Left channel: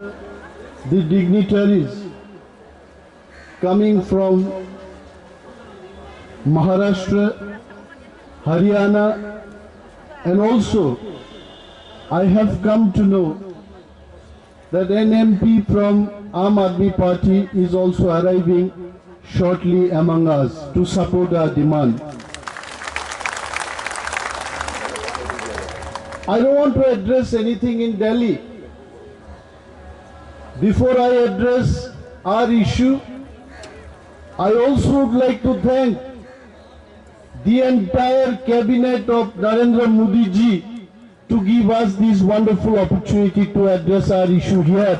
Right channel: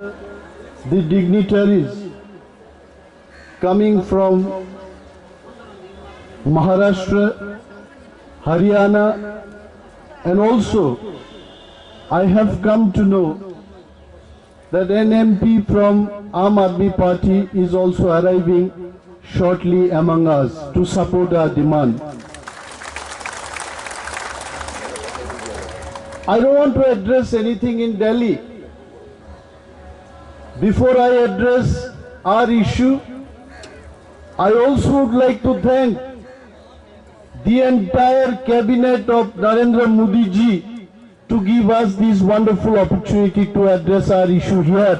the dignitaries coming from Maharashtra, Haryana, and also I have come to know that an MP from Aam Aadmi Party is also arriving shortly among us to support our demand. I don't want to address anything in Delhi. Before I address our issue, I also would like to thank the entire cabinet of Narendra Modi ji to give us this wonderful opportunity to address our issue here.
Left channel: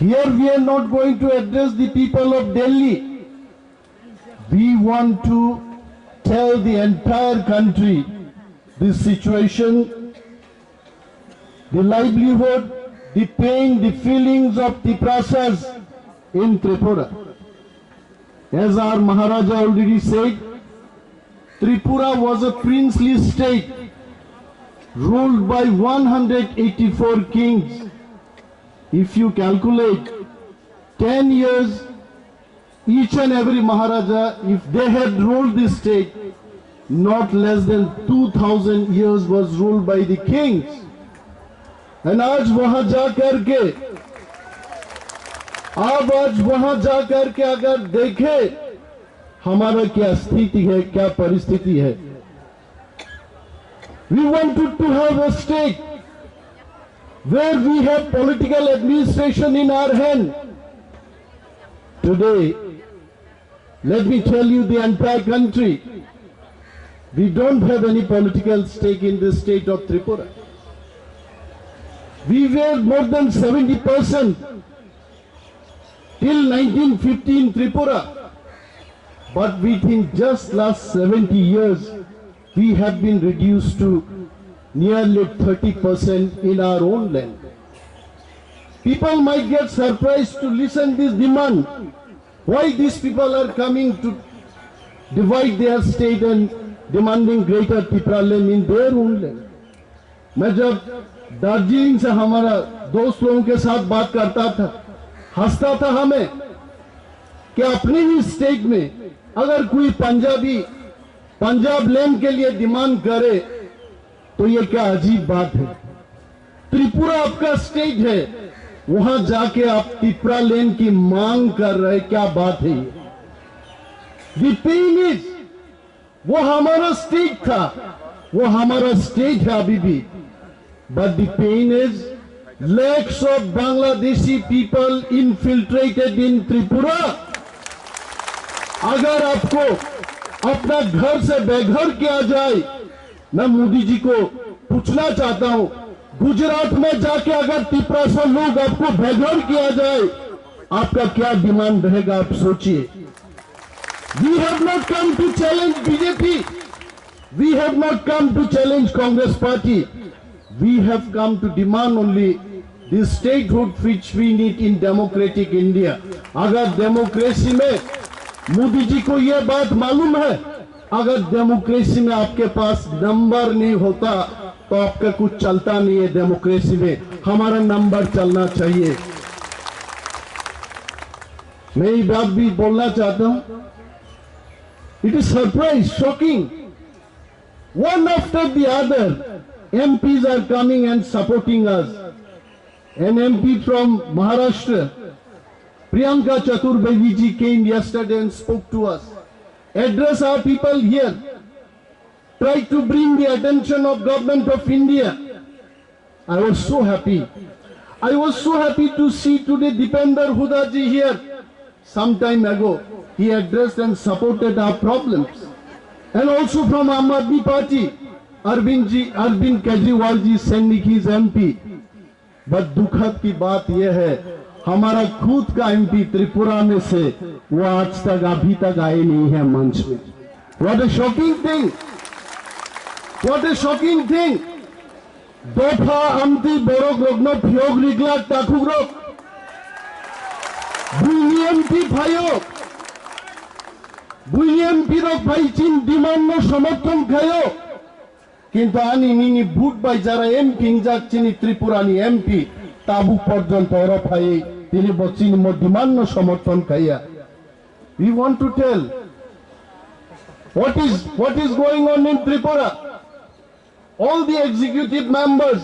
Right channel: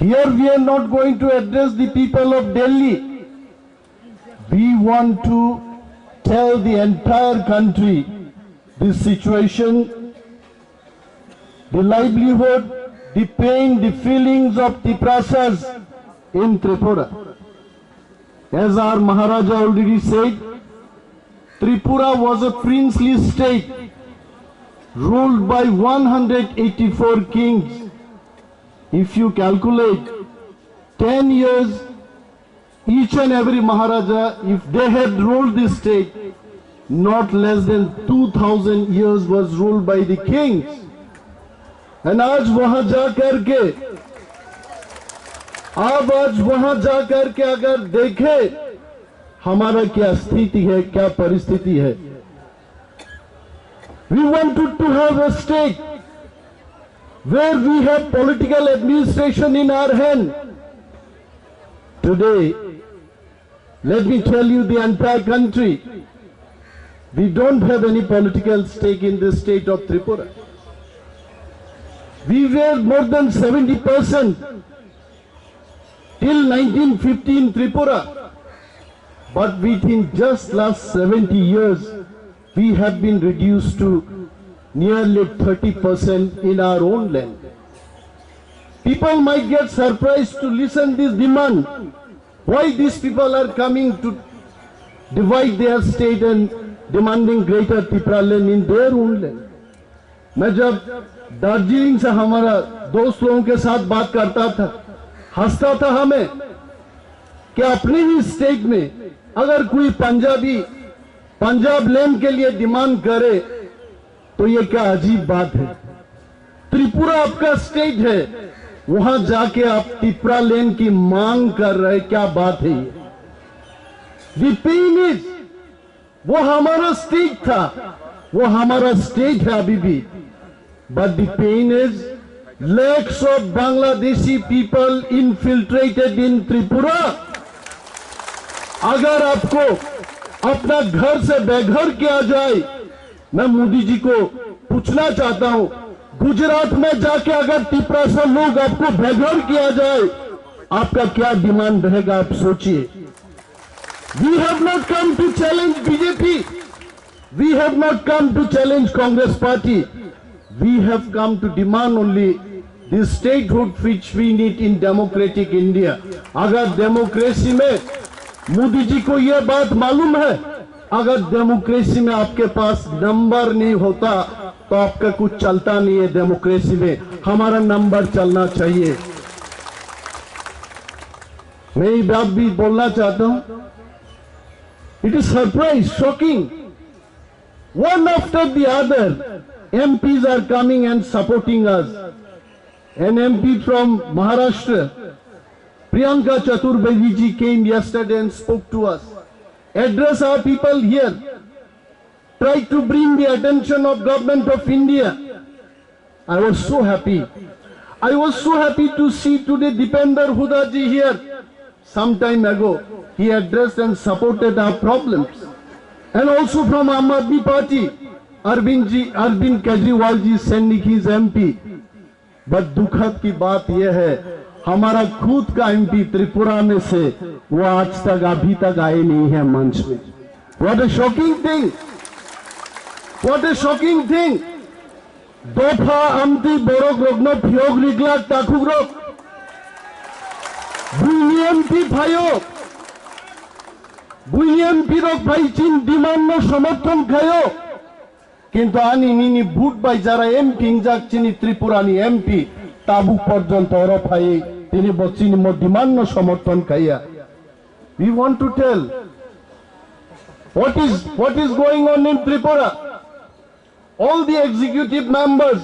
Here we are not going to address the people of Delhi. We want to tell the entire country this situation, the livelihood, the pain, the feelings of Tiprasas in Tripura. As our Maharaja already said, Tripura was a princely state ruled by 184 kings. If you calculate 10 years, each and every Maharaja, if they had ruled this state, not less than 2000 years was ruled by the kings. And आज वहां जा करके अगर देखे हमारा क्या स्थिति है, क्या परिस्थिति है. We wanted to have a state where we have political administration in our hand. Today, let me tell you the entire country, we don't have any political stake in the state of Tripura. We were more than 70% till 1950 in Tripura. But within just last 70 years, we have been reduced to nearly 30% in our own land. People might get surprised to listen this demand. Why these people are coming to divide their state and demanding greater Tripura land in their own land. मैं जब दार्जिलिंग से हमारा दोस्त लोगों के साथ बात करता था, हंसता था हमें कि अपने ही स्टेट में अगर कोई पंजाबी पंजाब लैंड के लिए डिमांड करे तो ये क्या अजीब बात है. त्रिपुरा आपका स्टेट है, वहां जाके आप त्रिपुरा लैंड की मांग कर रहे, क्या बात है ये. द पेन इज, वो हमारा स्टेट था, वो हमारा स्टेट है अभी भी. But the pain is lakhs of Bangladeshi people infiltrated in Tripura. अगर आपको अपना घर से बेघर किया जाए, मैं मोदी जी को पूछना चाहता हूं, गुजरात में जाके अगर त्रिपुरा से लोग आपको बेघर किया जाए, आपका क्या डिमांड रहेगा, आप सोचिए. We have not come to challenge BJP. We have not come to challenge Congress party. We have come to demand only the statehood which we need in democratic India. अगर डेमोक्रेसी में मोदी जी को ये बात मालूम है, अगर डेमोक्रेसी में आपके पास नंबर नहीं होता तो आपका कुछ चलता नहीं है. डेमोक्रेसी में हमारा नंबर चलना चाहिए. मैं ये बात भी बोलना चाहता हूं. It is surprise, shocking. One after the other, MPs are coming and supporting us. An MP from Maharashtra, Priyanka Chaturvedi ji, came yesterday and spoke to us, address our people here, try to bring the attention of government of India. I was so happy. I was so happy to see today Dipender Huda ji here. Some time ago, he addressed and supported our problems. And also from Aam Aadmi Party, Arvind Kejriwal ji sending his MP. But दुखद की बात यह है, हमारा खुद का MP Tripura में से वो आज तक अभी तक आए नहीं है मंच में. What a shocking thing! What a shocking thing! Dofa amti borok rogno phiog riglak takugrok. BNP bhayok. BNP rok bhai chin demand no समर्थन खायो. কিন্তু আনি নিনি ভোট বাই যারা এমপি যাচ্ছিনি ত্রিপুরানি এমপি তাবুক পর্যন্ত অরফাই তিনি বচ্চিনি ডিমান্ড সমর্থন খাইয়া we want to tell what is going on in Tripura. All the executive members,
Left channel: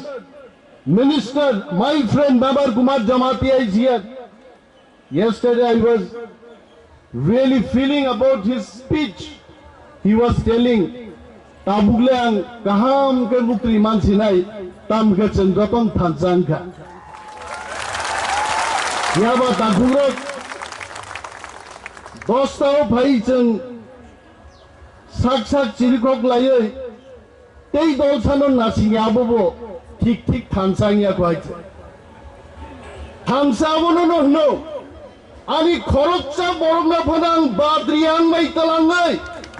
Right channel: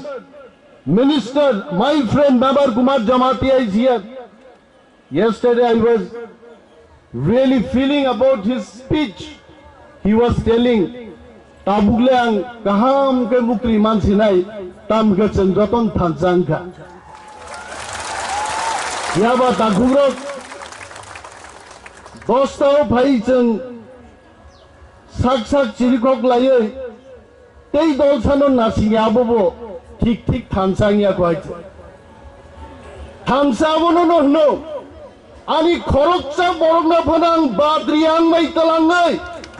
minister, my friend Babar Kumar Jamatia is here. Yesterday I was really feeling about his speech. He was telling Tabuglang kaham ke mukri man sinai tam ke chendraton thansangka. Yaba tagurok dostao bhai cheng sak chirikok laye tei dolsanon nasinga abobo ঠিক থানসাংয়া কয়েছে থানসাবনো নহনো আনি খরচা বরংনা ফনাং বাদ্রিয়ান মাইতালাঙ্গাই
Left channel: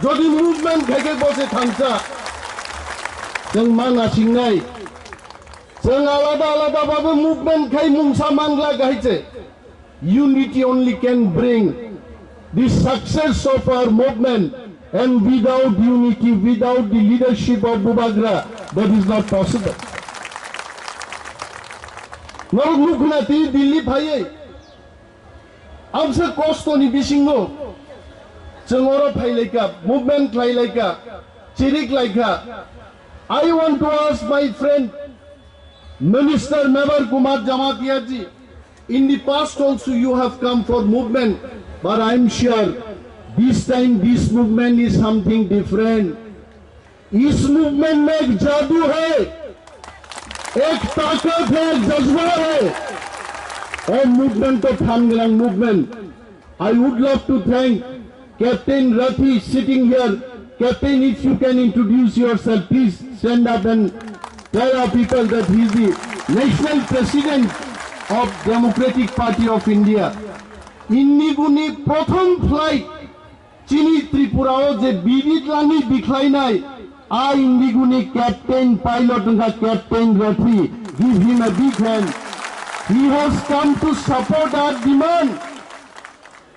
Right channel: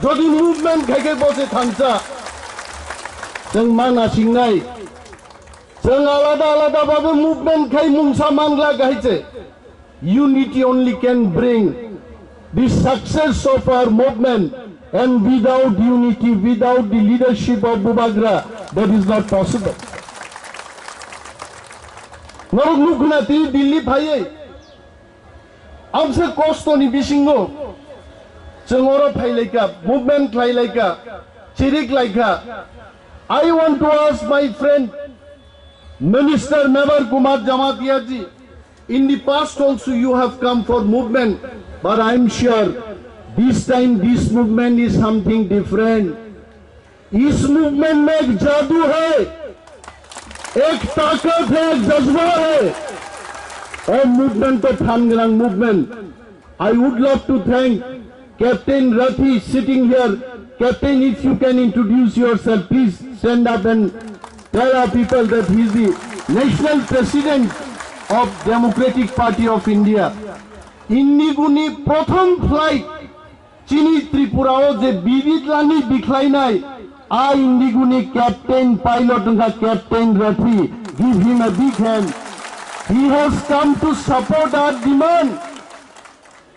যদি movement খাইকে বসে থানসা जों माना सिंनाय जों आलादा आलादा भाबे मुभमेंट खाइ मुंसा मांगला गाइছে unity only can bring the success of our movement, and without unity, without the leadership of Bubagra, that is not possible. नरक मुखना ती दिल्ली भाई हमसे कोस्तोनी बिसिंगो जोंगोरो फाइलाइका मुभमेंट लाइलाइका चिरिक लाइका I want to ask my friend Minister Babar Kumar Jamatia ji, in the past also you have come for movement, but I am sure this time this movement is something different. इस movement में एक जादू है, एक ताकत है, एक जज्बा है और मूवमेंट तो थानगलांग movement. I would love to thank Captain Rathi sitting here. Captain, if you can introduce yourself, please stand up and tell our people that he is the national president of Democratic Party of India. Inniguni prothom flight Chini Tripurao je bidit lani bikhlai nai. I Indiguni Captain Pilot nga Captain Rathi, give him a big hand. He has come to support our demand.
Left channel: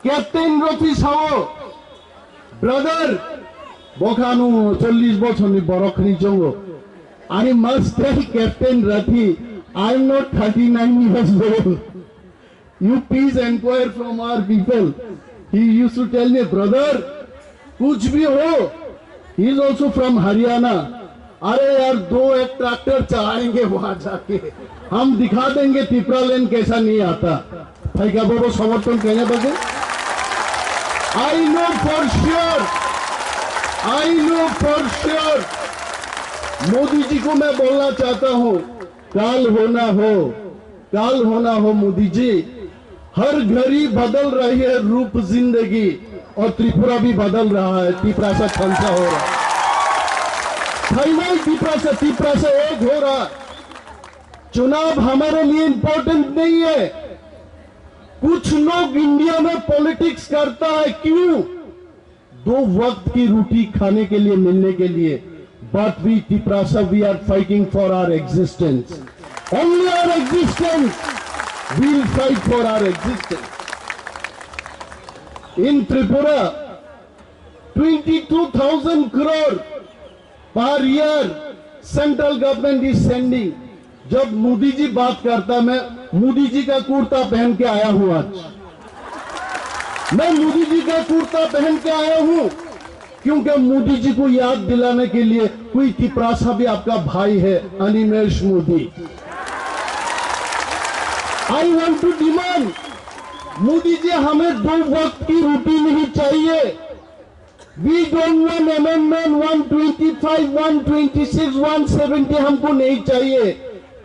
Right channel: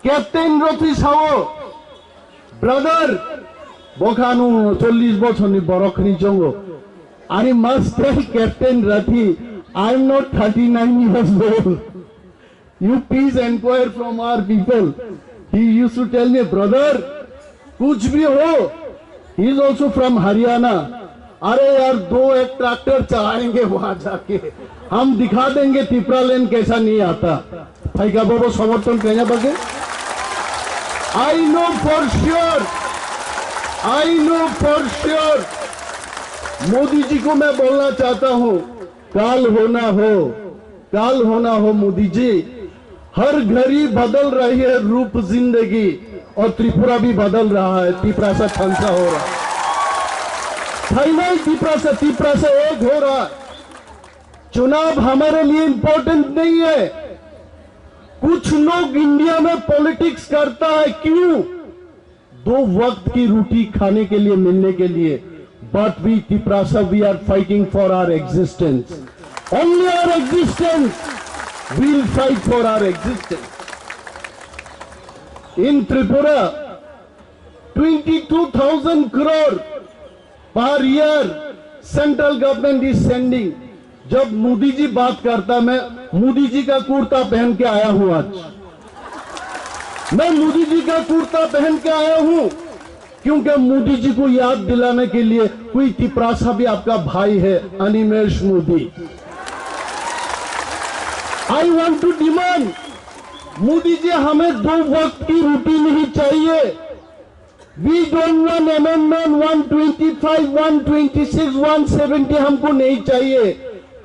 Captain Rathi sao, brother, Bokanu 40 বছরনি বরখনি জঙ্গো. I must tell Captain Rathi, I am not 39 years old. You please inquire from our people. He used to tell me, brother, कुछ भी हो. He is also from Haryana. अरे यार 2-1 tractor चलाएंगे वहां जाके, हम दिखा देंगे टिपरा लेन कैसा नहीं आता. भाई का बाबा समर्थन कहने बगे. I know for sure Modi ji को मैं बोलना चाहता हूं, काल होना हो मोदी जी. हर घड़ी बदल रही है रूप जिंदगी और त्रिपुरा भी बदल रहा है. त्रिपुरा से खंसा हो रहा है, त्रिपुरा से एक हो रहा. चुनाव हमारे लिए इंपॉर्टेंट नहीं है. कुछ लोग इंडिया में पॉलिटिक्स करता है, क्यों? 2 वक्त की रोटी खाने के लिए, मिलने के लिए. But we Tiprasa, we are fighting for our existence. Only our existence. We'll fight for our existence. In Tripura, 22,000 crore per year central government is sending. जब मोदी जी बात करता, मैं मोदी जी का कुर्ता पहन के आया हूं आज. मैं मोदी जी का कुर्ता पहन के आया हूं क्योंकि मोदी जी को याद दिलाने के लिए कोई तिपरासा भी आपका भाई है, Animesh Modi. I want to demand, Modi ji हमें 2 वक्त की रोटी नहीं चाहिए. We don't want amendment 125, 126, 170 हमको नहीं चाहिए.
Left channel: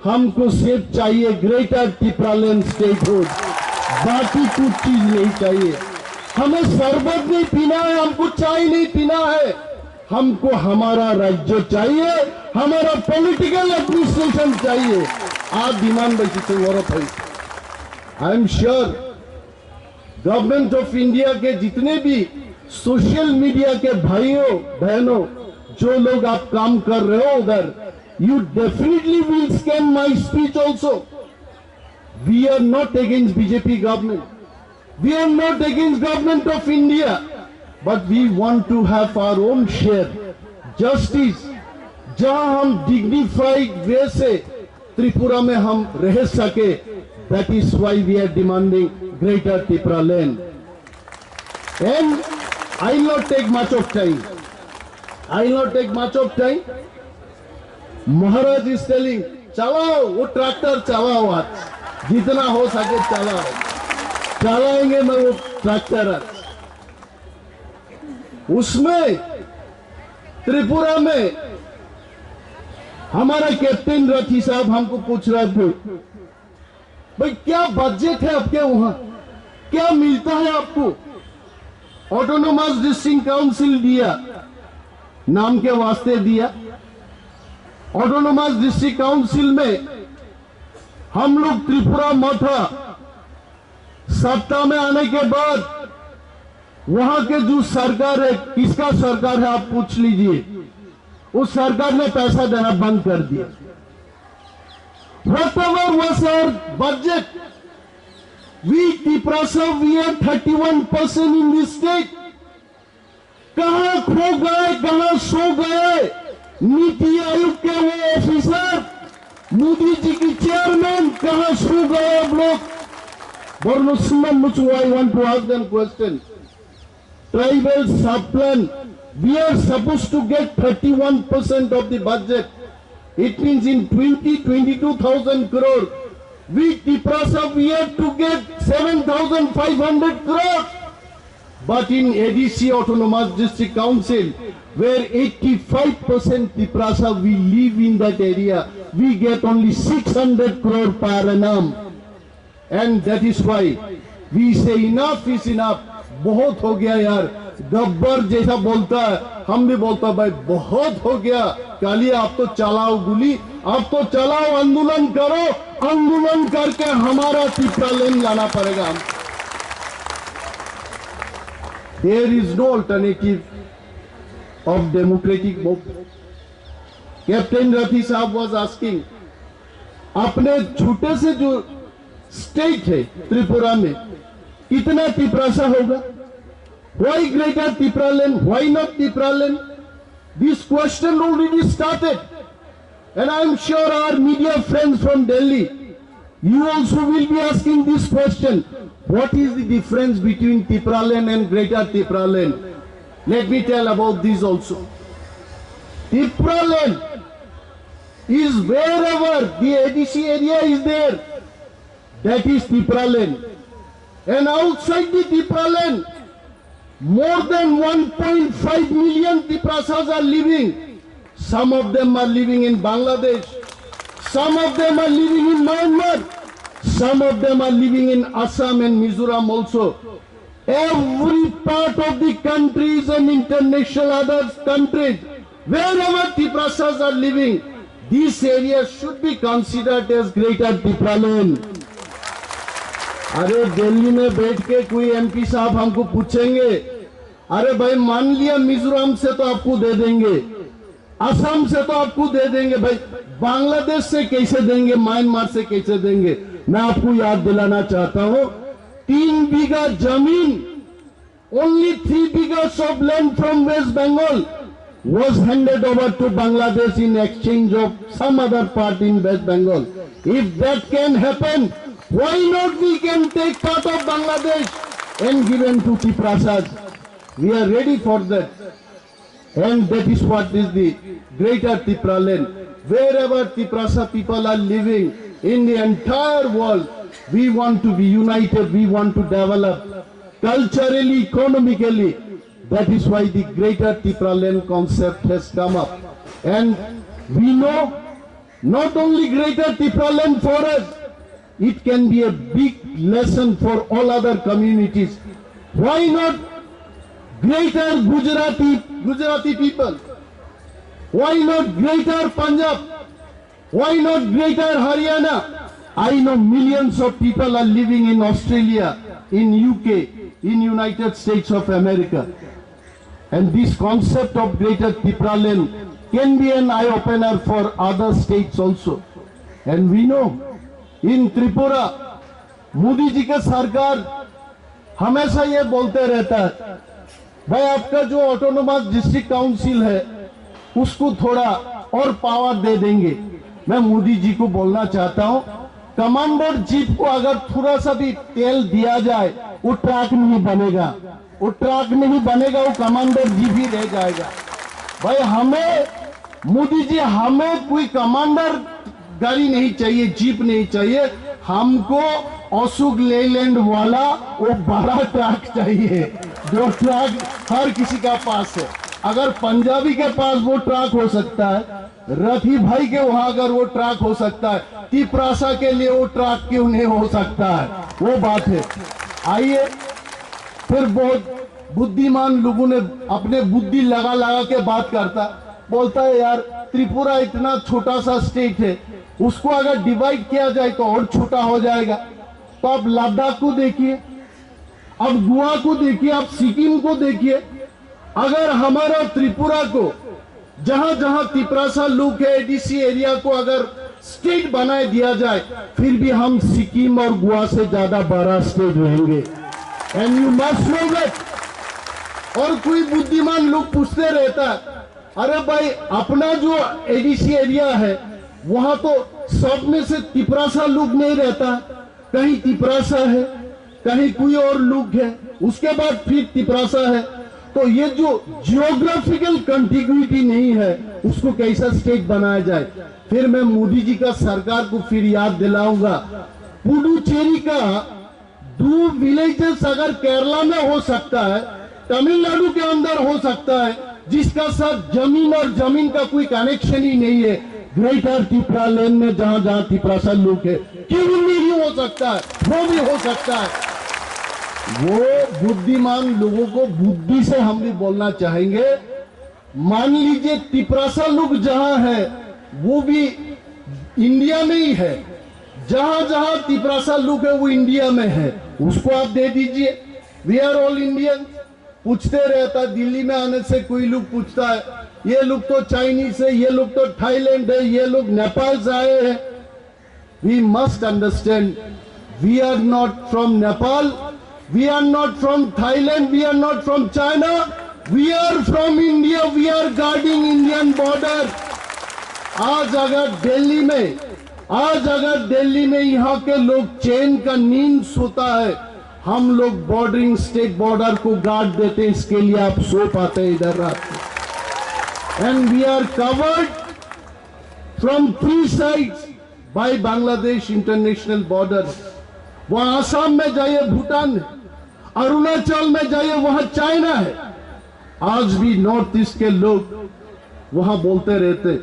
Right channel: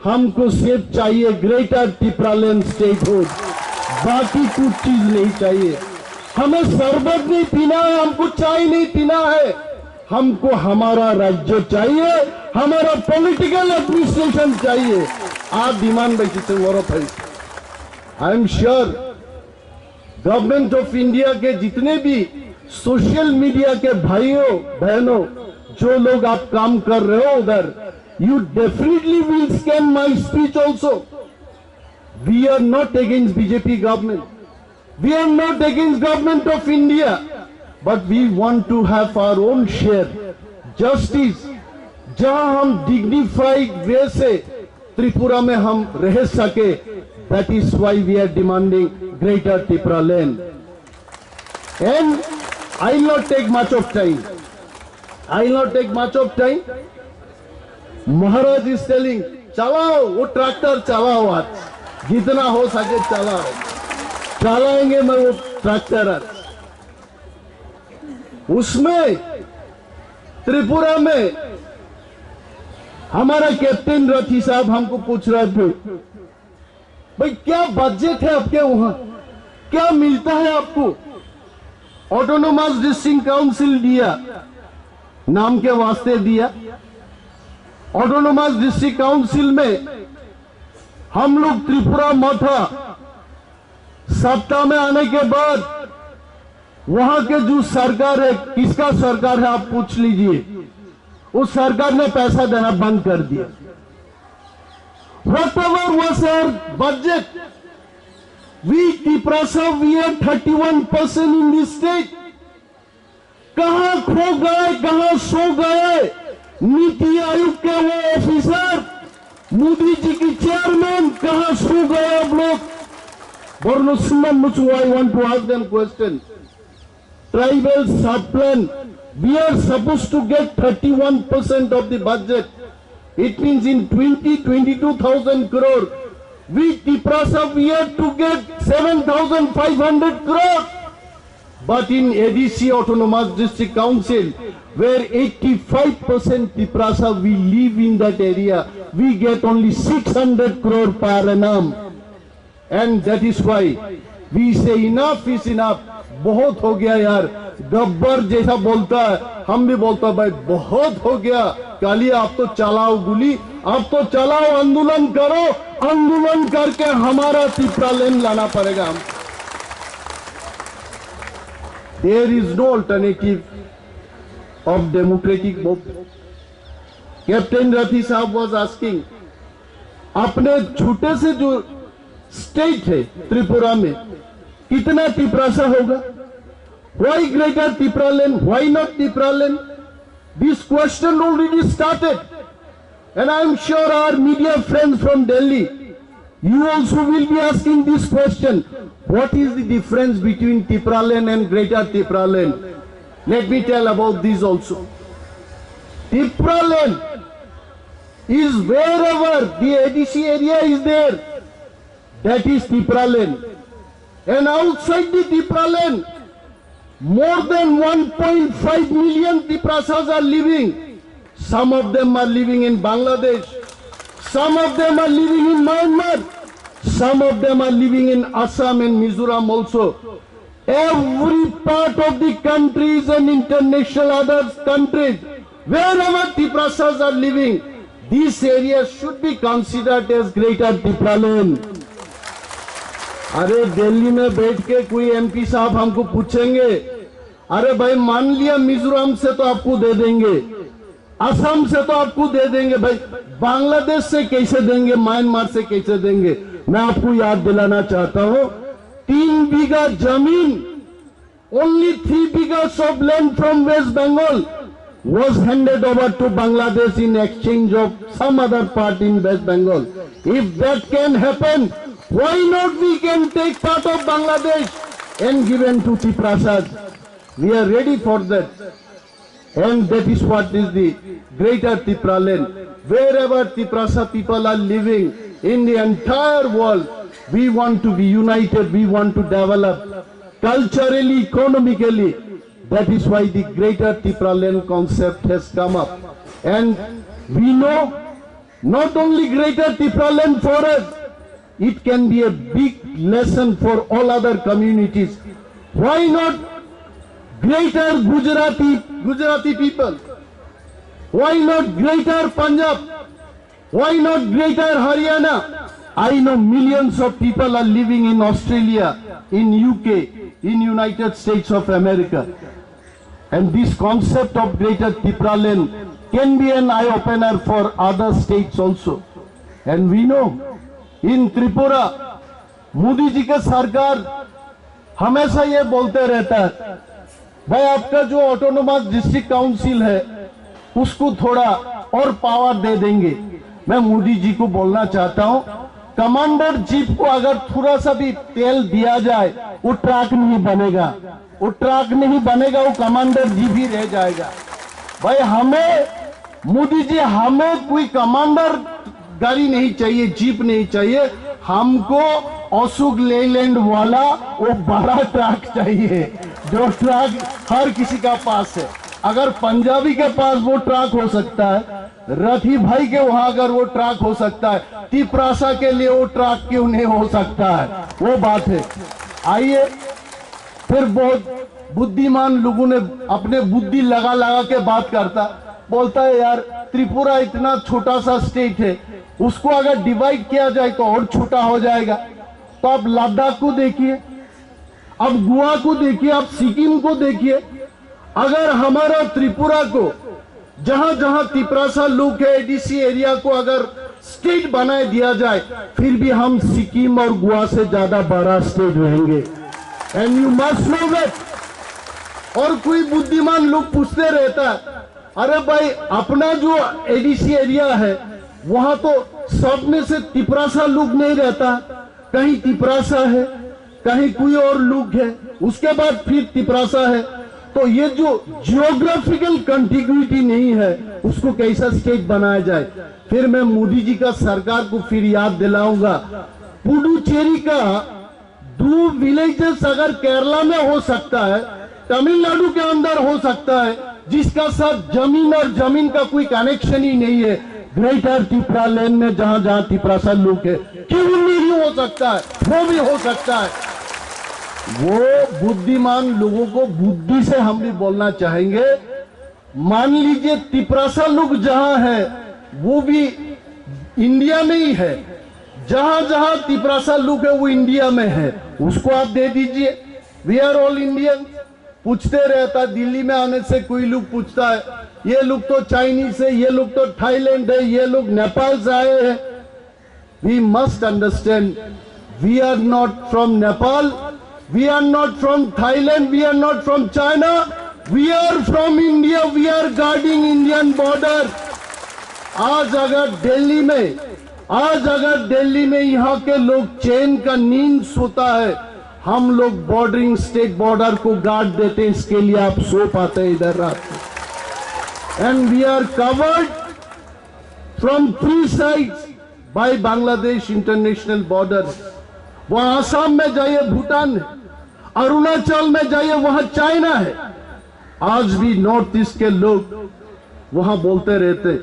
हमको सिर्फ चाहिए ग्रेटर टिपरालैंड स्टेटहुड, बाकी कुछ चीज नहीं चाहिए. हमें शरबत नहीं पीना है, हमको चाय नहीं पीना है. हमको हमारा राज्य चाहिए, हमारा पॉलिटिकल एडमिनिस्ट्रेशन चाहिए. आप डिमांड बैठे और आई am sure government of India के जितने भी सोशल मीडिया के भाइयों बहनों, जो लोग आप काम कर रहे हो उधर, you definitely will scan my speech also. We are not against BJP government. We are not against government of India, but we want to have our own share. Justice, जहां हम डिग्निफाइड वे से त्रिपुरा में हम रह सके, that is why we are demanding greater Tripura land. And I will not take much of time. Maharaj is telling चलाओ वो tractor, चलाओ आज जितना हो सके चलाओ. चलाएंगे मैं वो ट्रैक्टर आज. उसमें त्रिपुरा में हमारा कैप्टन रथी साहब हमको पूछ रहे थे, भाई क्या बजट है आपके वहां, क्या मिलता है आपको. ऑटोनोमस डिस्ट्रिक्ट काउंसिल दिया, नाम के वास्ते दिया. ऑटोनोमस डिस्ट्रिक्ट काउंसिल में हम लोग त्रिपुरा मथा सत्ता में आने के बाद वहां के जो सरकार है, किसका सरकार है आप पूछ लीजिए, उस सरकार ने पैसा देना बंद कर दिया. Whatever was our budget, we Tiprasa, we had 31% in this state. कहां खो गए, कहां सो गए नीति आयोग के वो ऑफिसर, मोदी जी की चेयरमैन, कहां सो गए आप लोग. I want to ask them question. Tribal sub-plan, we are supposed to get 31% of the budget. It means in 22,000 crore. We Tiprasa, we have to get 7,500 crore. But in ADC Autonomous District Council, where 85% Tiprasa we live in that area, we get only 600 crore per annum. And that is why we say enough is enough. बहुत हो गया यार. गब्बर जैसा बोलता है, हम भी बोलता है भाई बहुत हो गया. काली आप तो चलाओ गोली, आप तो चलाओ आंदोलन करो, आंदोलन करके हमारा त्रिपुरा लैंड लाना पड़ेगा. There is no alternative of democratic movement. Captain Rathi साहब was asking, अपने छोटे से जो स्टेट है त्रिपुरा में कितना त्रिपुरासा होगा. Why greater Tripura land? Why not Tripura land? This question already started, and I am sure our media friends from Delhi, you also will be asking this question. What is the difference between Tripura land and greater Tripura land? Let me tell about this also. Tripura land is wherever the ADC area is there, that is Tripura land. And outside the Tripura land, more than 1.5 million Tiprasas are living. Some of them are living in Bangladesh. Some of them are living in Myanmar. Some of them are living in Assam and Mizoram also. Every part of the countries and international other countries, wherever Tiprasas are living, these areas should be considered as greater Tripura land. अरे दिल्ली में बैठ के कोई MP साहब हमको पूछेंगे, अरे भाई मान लिया मिजोरम से तो आपको दे देंगे, असम से तो आपको दे देंगे, भाई बांग्लादेश से कैसे देंगे, म्यांमार से कैसे देंगे. मैं आपको याद दिलाना चाहता हूं, 3 बीघा जमीन, only 3 बीघाs of land from West Bengal was handed over to Bangladesh in exchange of some other part in West Bengal. If that can happen, why not we can take part of Bangladesh and given to Tiprasas? We are ready for that. And that is what is the greater Tripura land. Wherever Tiprasa people are living in the entire world, we want to be united, we want to develop culturally, economically. That is why the greater Tripura land concept has come up. And we know not only greater Tripura land for us, it can be a big lesson for all other communities. Why not greater Gujarati people? Why not greater Punjab? Why not greater Haryana? I know millions of people are living in Australia, in UK, in United States of America. And this concept of greater Tripura land can be an eye-opener for other states also. And we know, इन त्रिपुरा मोदी जी का सरकार हमेशा ये बोलते रहता है, भाई आपका जो ऑटोनोमस डिस्ट्रिक्ट काउंसिल है उसको थोड़ा और पावर दे देंगे। मैं मोदी जी को बोलना चाहता हूं, कमांडर जीप को अगर थोड़ा सा भी तेल दिया जाए वो ट्रक नहीं बनेगा, वो ट्रक नहीं बनेगा, वो कमांडर जीप ही रह जाएगा। भाई हमें मोदी जी, हमें कोई कमांडर गाड़ी नहीं चाहिए, जीप नहीं चाहिए, हमको अशोक लेलैंड वाला वो बड़ा ट्रक चाहिए, जो ट्रक हर किसी का पास है। अगर पंजाबी के पास वो ट्रक हो सकता है, रथी भाई के वहां अगर वो ट्रक हो सकता है, तिपरासा के लिए वो ट्रक क्यों नहीं हो सकता है, वो बात है। आइए, फिर बहुत बुद्धिमान लोगों ने अपने बुद्धि लगा लगा के बात करता, बोलता है यार त्रिपुरा इतना छोटा सा स्टेट है, उसको अगर डिवाइड किया जाए तो और छोटा हो जाएगा। तो आप लद्दाख को देखिए, अब गोवा को देखिए, आप सिक्किम को देखिए। अगर हमारा त्रिपुरा को जहां जहां तिपरासा लोग है, एडीसी एरिया को अगर स्टेट बनाए दिया जाए, फिर भी हम सिक्किम और गोवा से ज्यादा बड़ा स्टेट रहेंगे। And you must know that. और कोई बुद्धिमान लोग पूछते रहता है, अरे भाई अपना जो एडीसी एरिया है वहां तो सब में से तिपरासा लोग नहीं रहता, कहीं तिपरासा है, कहीं कोई और लोग है, उसके बाद फिर तिपरासा है। तो ये जो जियोग्राफिकल कंटिग्यूटी नहीं है, उसको कैसा स्टेट बनाया जाए। फिर मैं मोदी जी का सरकार को फिर याद दिलाऊंगा, पुडुचेरी का 2 विलेजेस अगर केरला में हो सकता है, तमिलनाडु के अंदर हो सकता है, जिसका साथ जमीन और जमीन का कोई कनेक्शन ही नहीं है, ग्रेटर त्रिपुरा लैंड में जहां जहां तिपरासा लोग है, क्यों नहीं हो सकता है, वो भी हो सकता है। वो बुद्धिमान लोगों को बुद्धि से हम भी बोलना चाहेंगे। मान लीजिए तिपरासा लोग जहां है वो भी इंडिया में ही है, जहां जहां तिपरासा लोग है वो इंडिया में है, उसको आप दे दीजिए। We are all Indian. पूछते रहता, दिल्ली में आने से कोई लोग पूछता है, ये लोग तो चाइनीज है, ये लोग तो थाईलैंड है, ये लोग नेपाल से आए हैं। We must understand, we are not from Nepal, we are not from Thailand, we are not from China, we are from India, we are guarding Indian border। आज अगर दिल्ली में यहाँ के लोग चैन का नींद सोता है, हम लोग बॉर्डरिंग स्टेट बॉर्डर को गार्ड देते हैं, इसके लिए आप सो पाते हैं इधर रात में। And we are covered from 3 sides by Bangladesh international border. वहां आसाम में जाइए भूटान है, अरुणाचल में जाइए वहां चाइना है। आज भी नॉर्थ ईस्ट के लोग वहां बोलते रहते,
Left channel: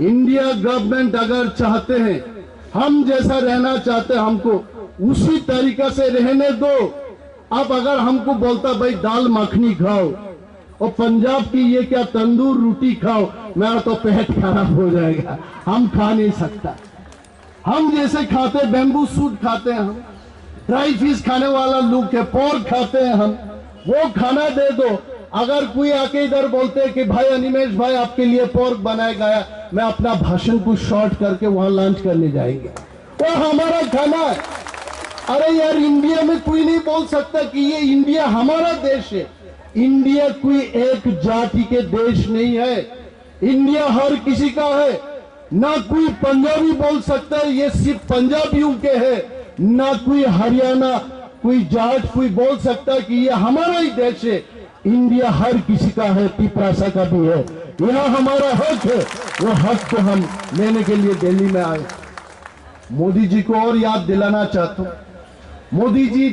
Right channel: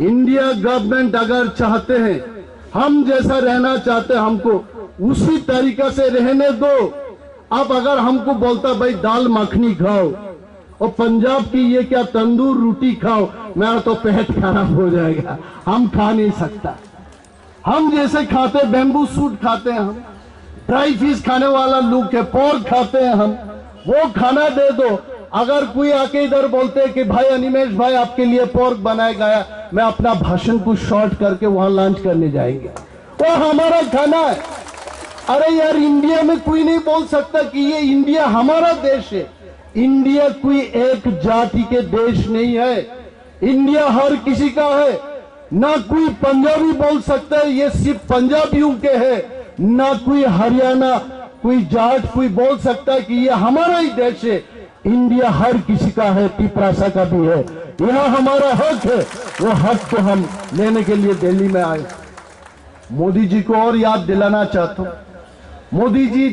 इंडिया गवर्नमेंट अगर चाहते हैं, हम जैसा रहना चाहते हैं, हमको उसी तरीका से रहने दो। अब अगर हमको बोलता भाई दाल मखनी खाओ और पंजाब की ये क्या तंदूर रोटी खाओ, मेरा तो पेट खराब हो जाएगा, हम खा नहीं सकता। हम जैसे खाते बैम्बू सूट खाते हैं, हम ड्राई फिश खाने वाला लोग है, पोर्क खाते हैं हम, वो खाना दे दो। अगर कोई आके इधर बोलते हैं कि भाई अनिमेश भाई आपके लिए पोर्क बनाया गया, मैं अपना भाषण को शॉर्ट करके वहां लंच करने जाएंगे, वो हमारा खाना है। अरे यार इंडिया में कोई नहीं बोल सकता कि ये इंडिया हमारा देश है। इंडिया कोई एक जाति के देश नहीं है, इंडिया हर किसी का है। ना कोई पंजाबी बोल सकता है ये सिर्फ पंजाबियों के है, ना कोई हरियाणा कोई जाट कोई बोल सकता है कि ये हमारा ही देश है। इंडिया हर किसी का है, तिपरासा का भी है, यह हमारा हक है। वो हक को हम लेने के लिए दिल्ली में आए। मोदी जी को और याद दिलाना चाहता हूं, मोदी जी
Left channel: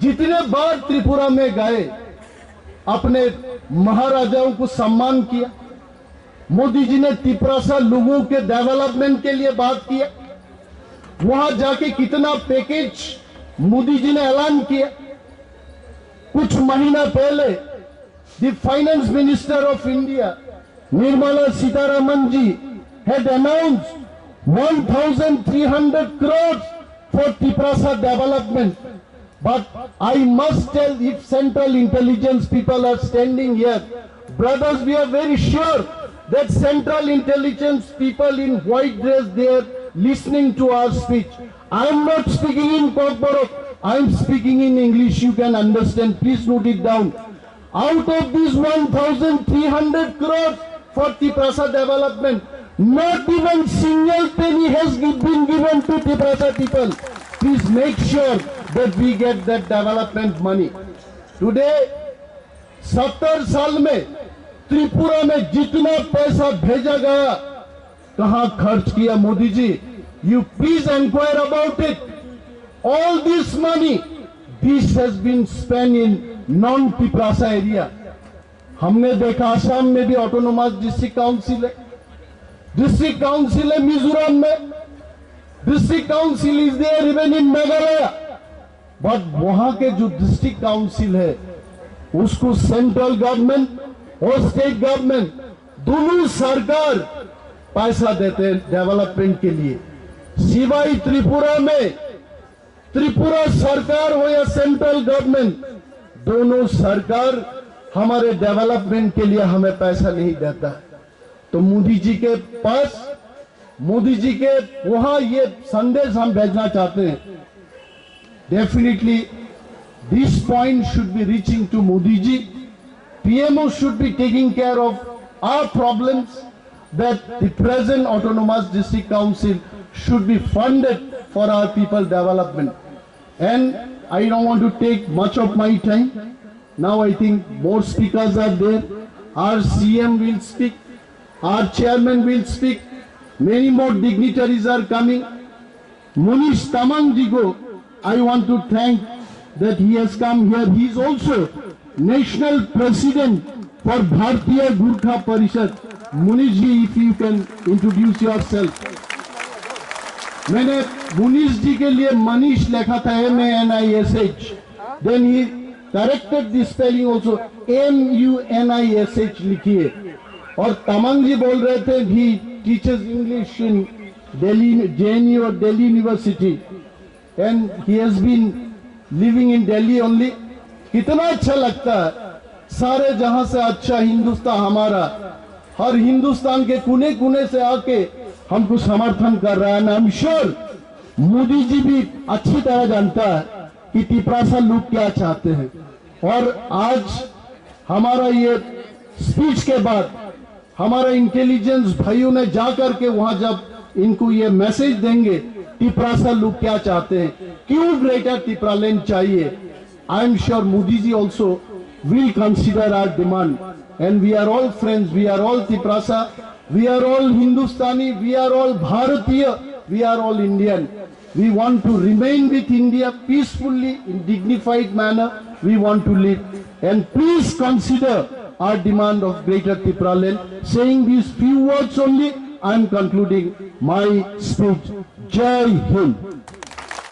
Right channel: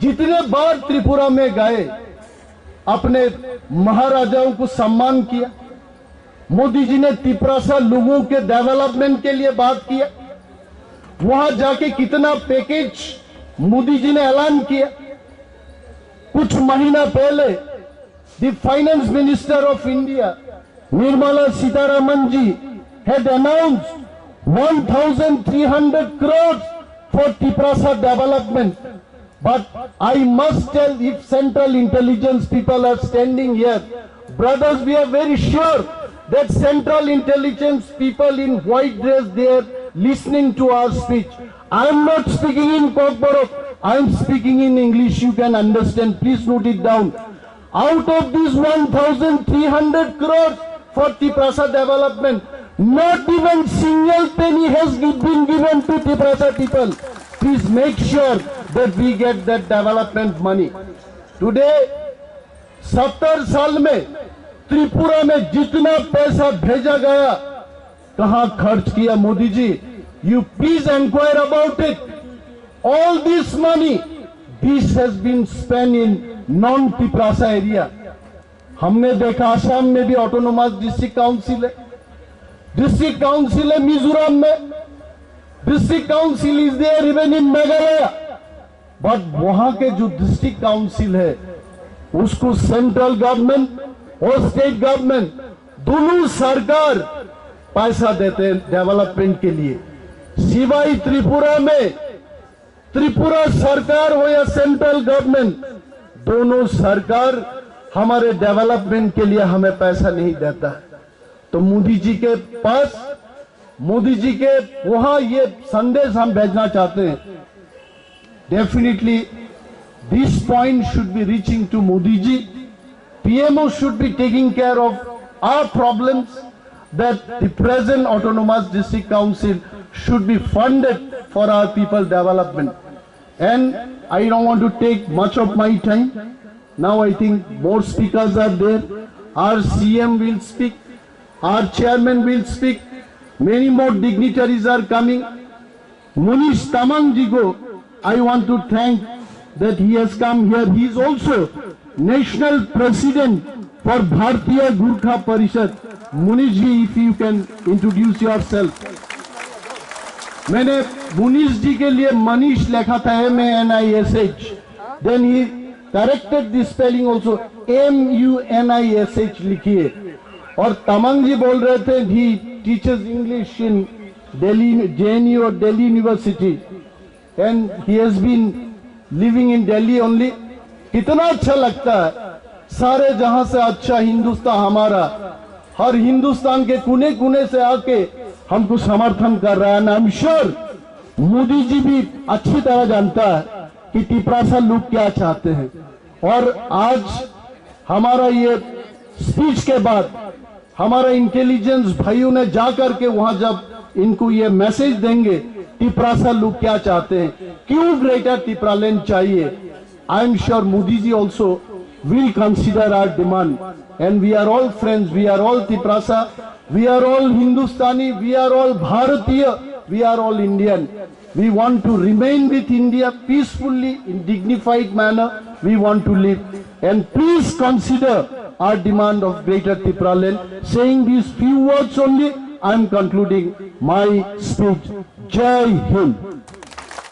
जितने बार त्रिपुरा में गए अपने महाराजाओं को सम्मान किया। मोदी जी ने तिपरासा लोगों के डेवलपमेंट के लिए बात किया। वहां जाके कितना पैकेज मोदी जी ने ऐलान किया। कुछ महीना पहले the finance minister of India Nirmala Sitharaman ji had announced 1,300 crores for Tiprasa development. But I must tell, if Central Intelligence people are standing here, brothers, we are very sure that Central Intelligence people in white dress, they are listening to our speech. I am not speaking in Kokborok, I am speaking in English, you can understand, please note it down. Out of these 1,300 crores for Tiprasa development, Not even single penny has been given to Tiprasa people. Please make sure that we get that development money. Today, 70 साल में त्रिपुरा में जितना पैसा भेजा गया, कहां खर्च किया Modi ji? You please inquire about it. All this money, this has been spent in non-Tiprasa area. हमने देखा आसाम में भी ऑटोनोमस डिस्ट्रिक्ट काउंसिल है, डिस्ट्रिक्ट काउंसिल है मिजोरम में, district council is there even in Meghalaya, but वहां के जो डिस्ट्रिक्ट काउंसिल है उसको सेंट्रल गवर्नमेंट और स्टेट गवर्नमेंट दोनों सरकार पैसा देते हैं डेवलपमेंट के लिए। सिवाय त्रिपुरा में, त्रिपुरा सरकार हो या सेंट्रल गवर्नमेंट, दोनों सरकार हमारे डेवलपमेंट के लिए हमें पैसा नहीं देता। तो मोदी जी के पास, मोदी जी के वहां ये संदेश हम भेजना चाहते हैं। Definitely this point should be reaching to Modi ji. PMO should be taking care of our problems, that the present autonomous district council should be funded for our people development. And I don't want to take much of my time. Now I think more speakers are there. Our CM will speak, our chairman will speak, many more dignitaries are coming. Munish Tamang ji ko I want to thank that he has come here. He is also national president for Bharatiya Gurkha Parishad. Munish ji, if you can introduce yourself. मैंने मुनीश जी के लिए मनीष लिखा था MANISH, then he corrected the spelling also, MUNISH लिखिए। और तमंग जी बोल रहे थे he teaches English in Delhi, JNU or Delhi University, and he has been living in Delhi only. कितना अच्छा लगता है, सारे जहां से अच्छा हिंदुस्तान हमारा, हर हिंदुस्तान के कोने कोने से आके हमको समर्थन कर रहा है। आई एम श्योर मोदी जी भी अच्छी तरह जानता है कि तिपरासा लोग क्या चाहते हैं। और आज हमारा ये स्पीच के बाद हमारा इंटेलिजेंस भाइयों ने जाकर के वहां जब इनको ये मैसेज देंगे तिपरासा लोग क्या चाहते हैं, क्यों ग्रेटर तिपरालैंड चाहिए, I am sure Modi ji also will consider our demand, and we are all friends, we are all Tiprasa, we are all Hindustani, we are all Bharatiya, we are all Indian. We want to remain with India peacefully in dignified manner. We want to live, and please consider our demand of Greater Tipraland. Saying these few words only, I am concluding my speech. Jai Hind.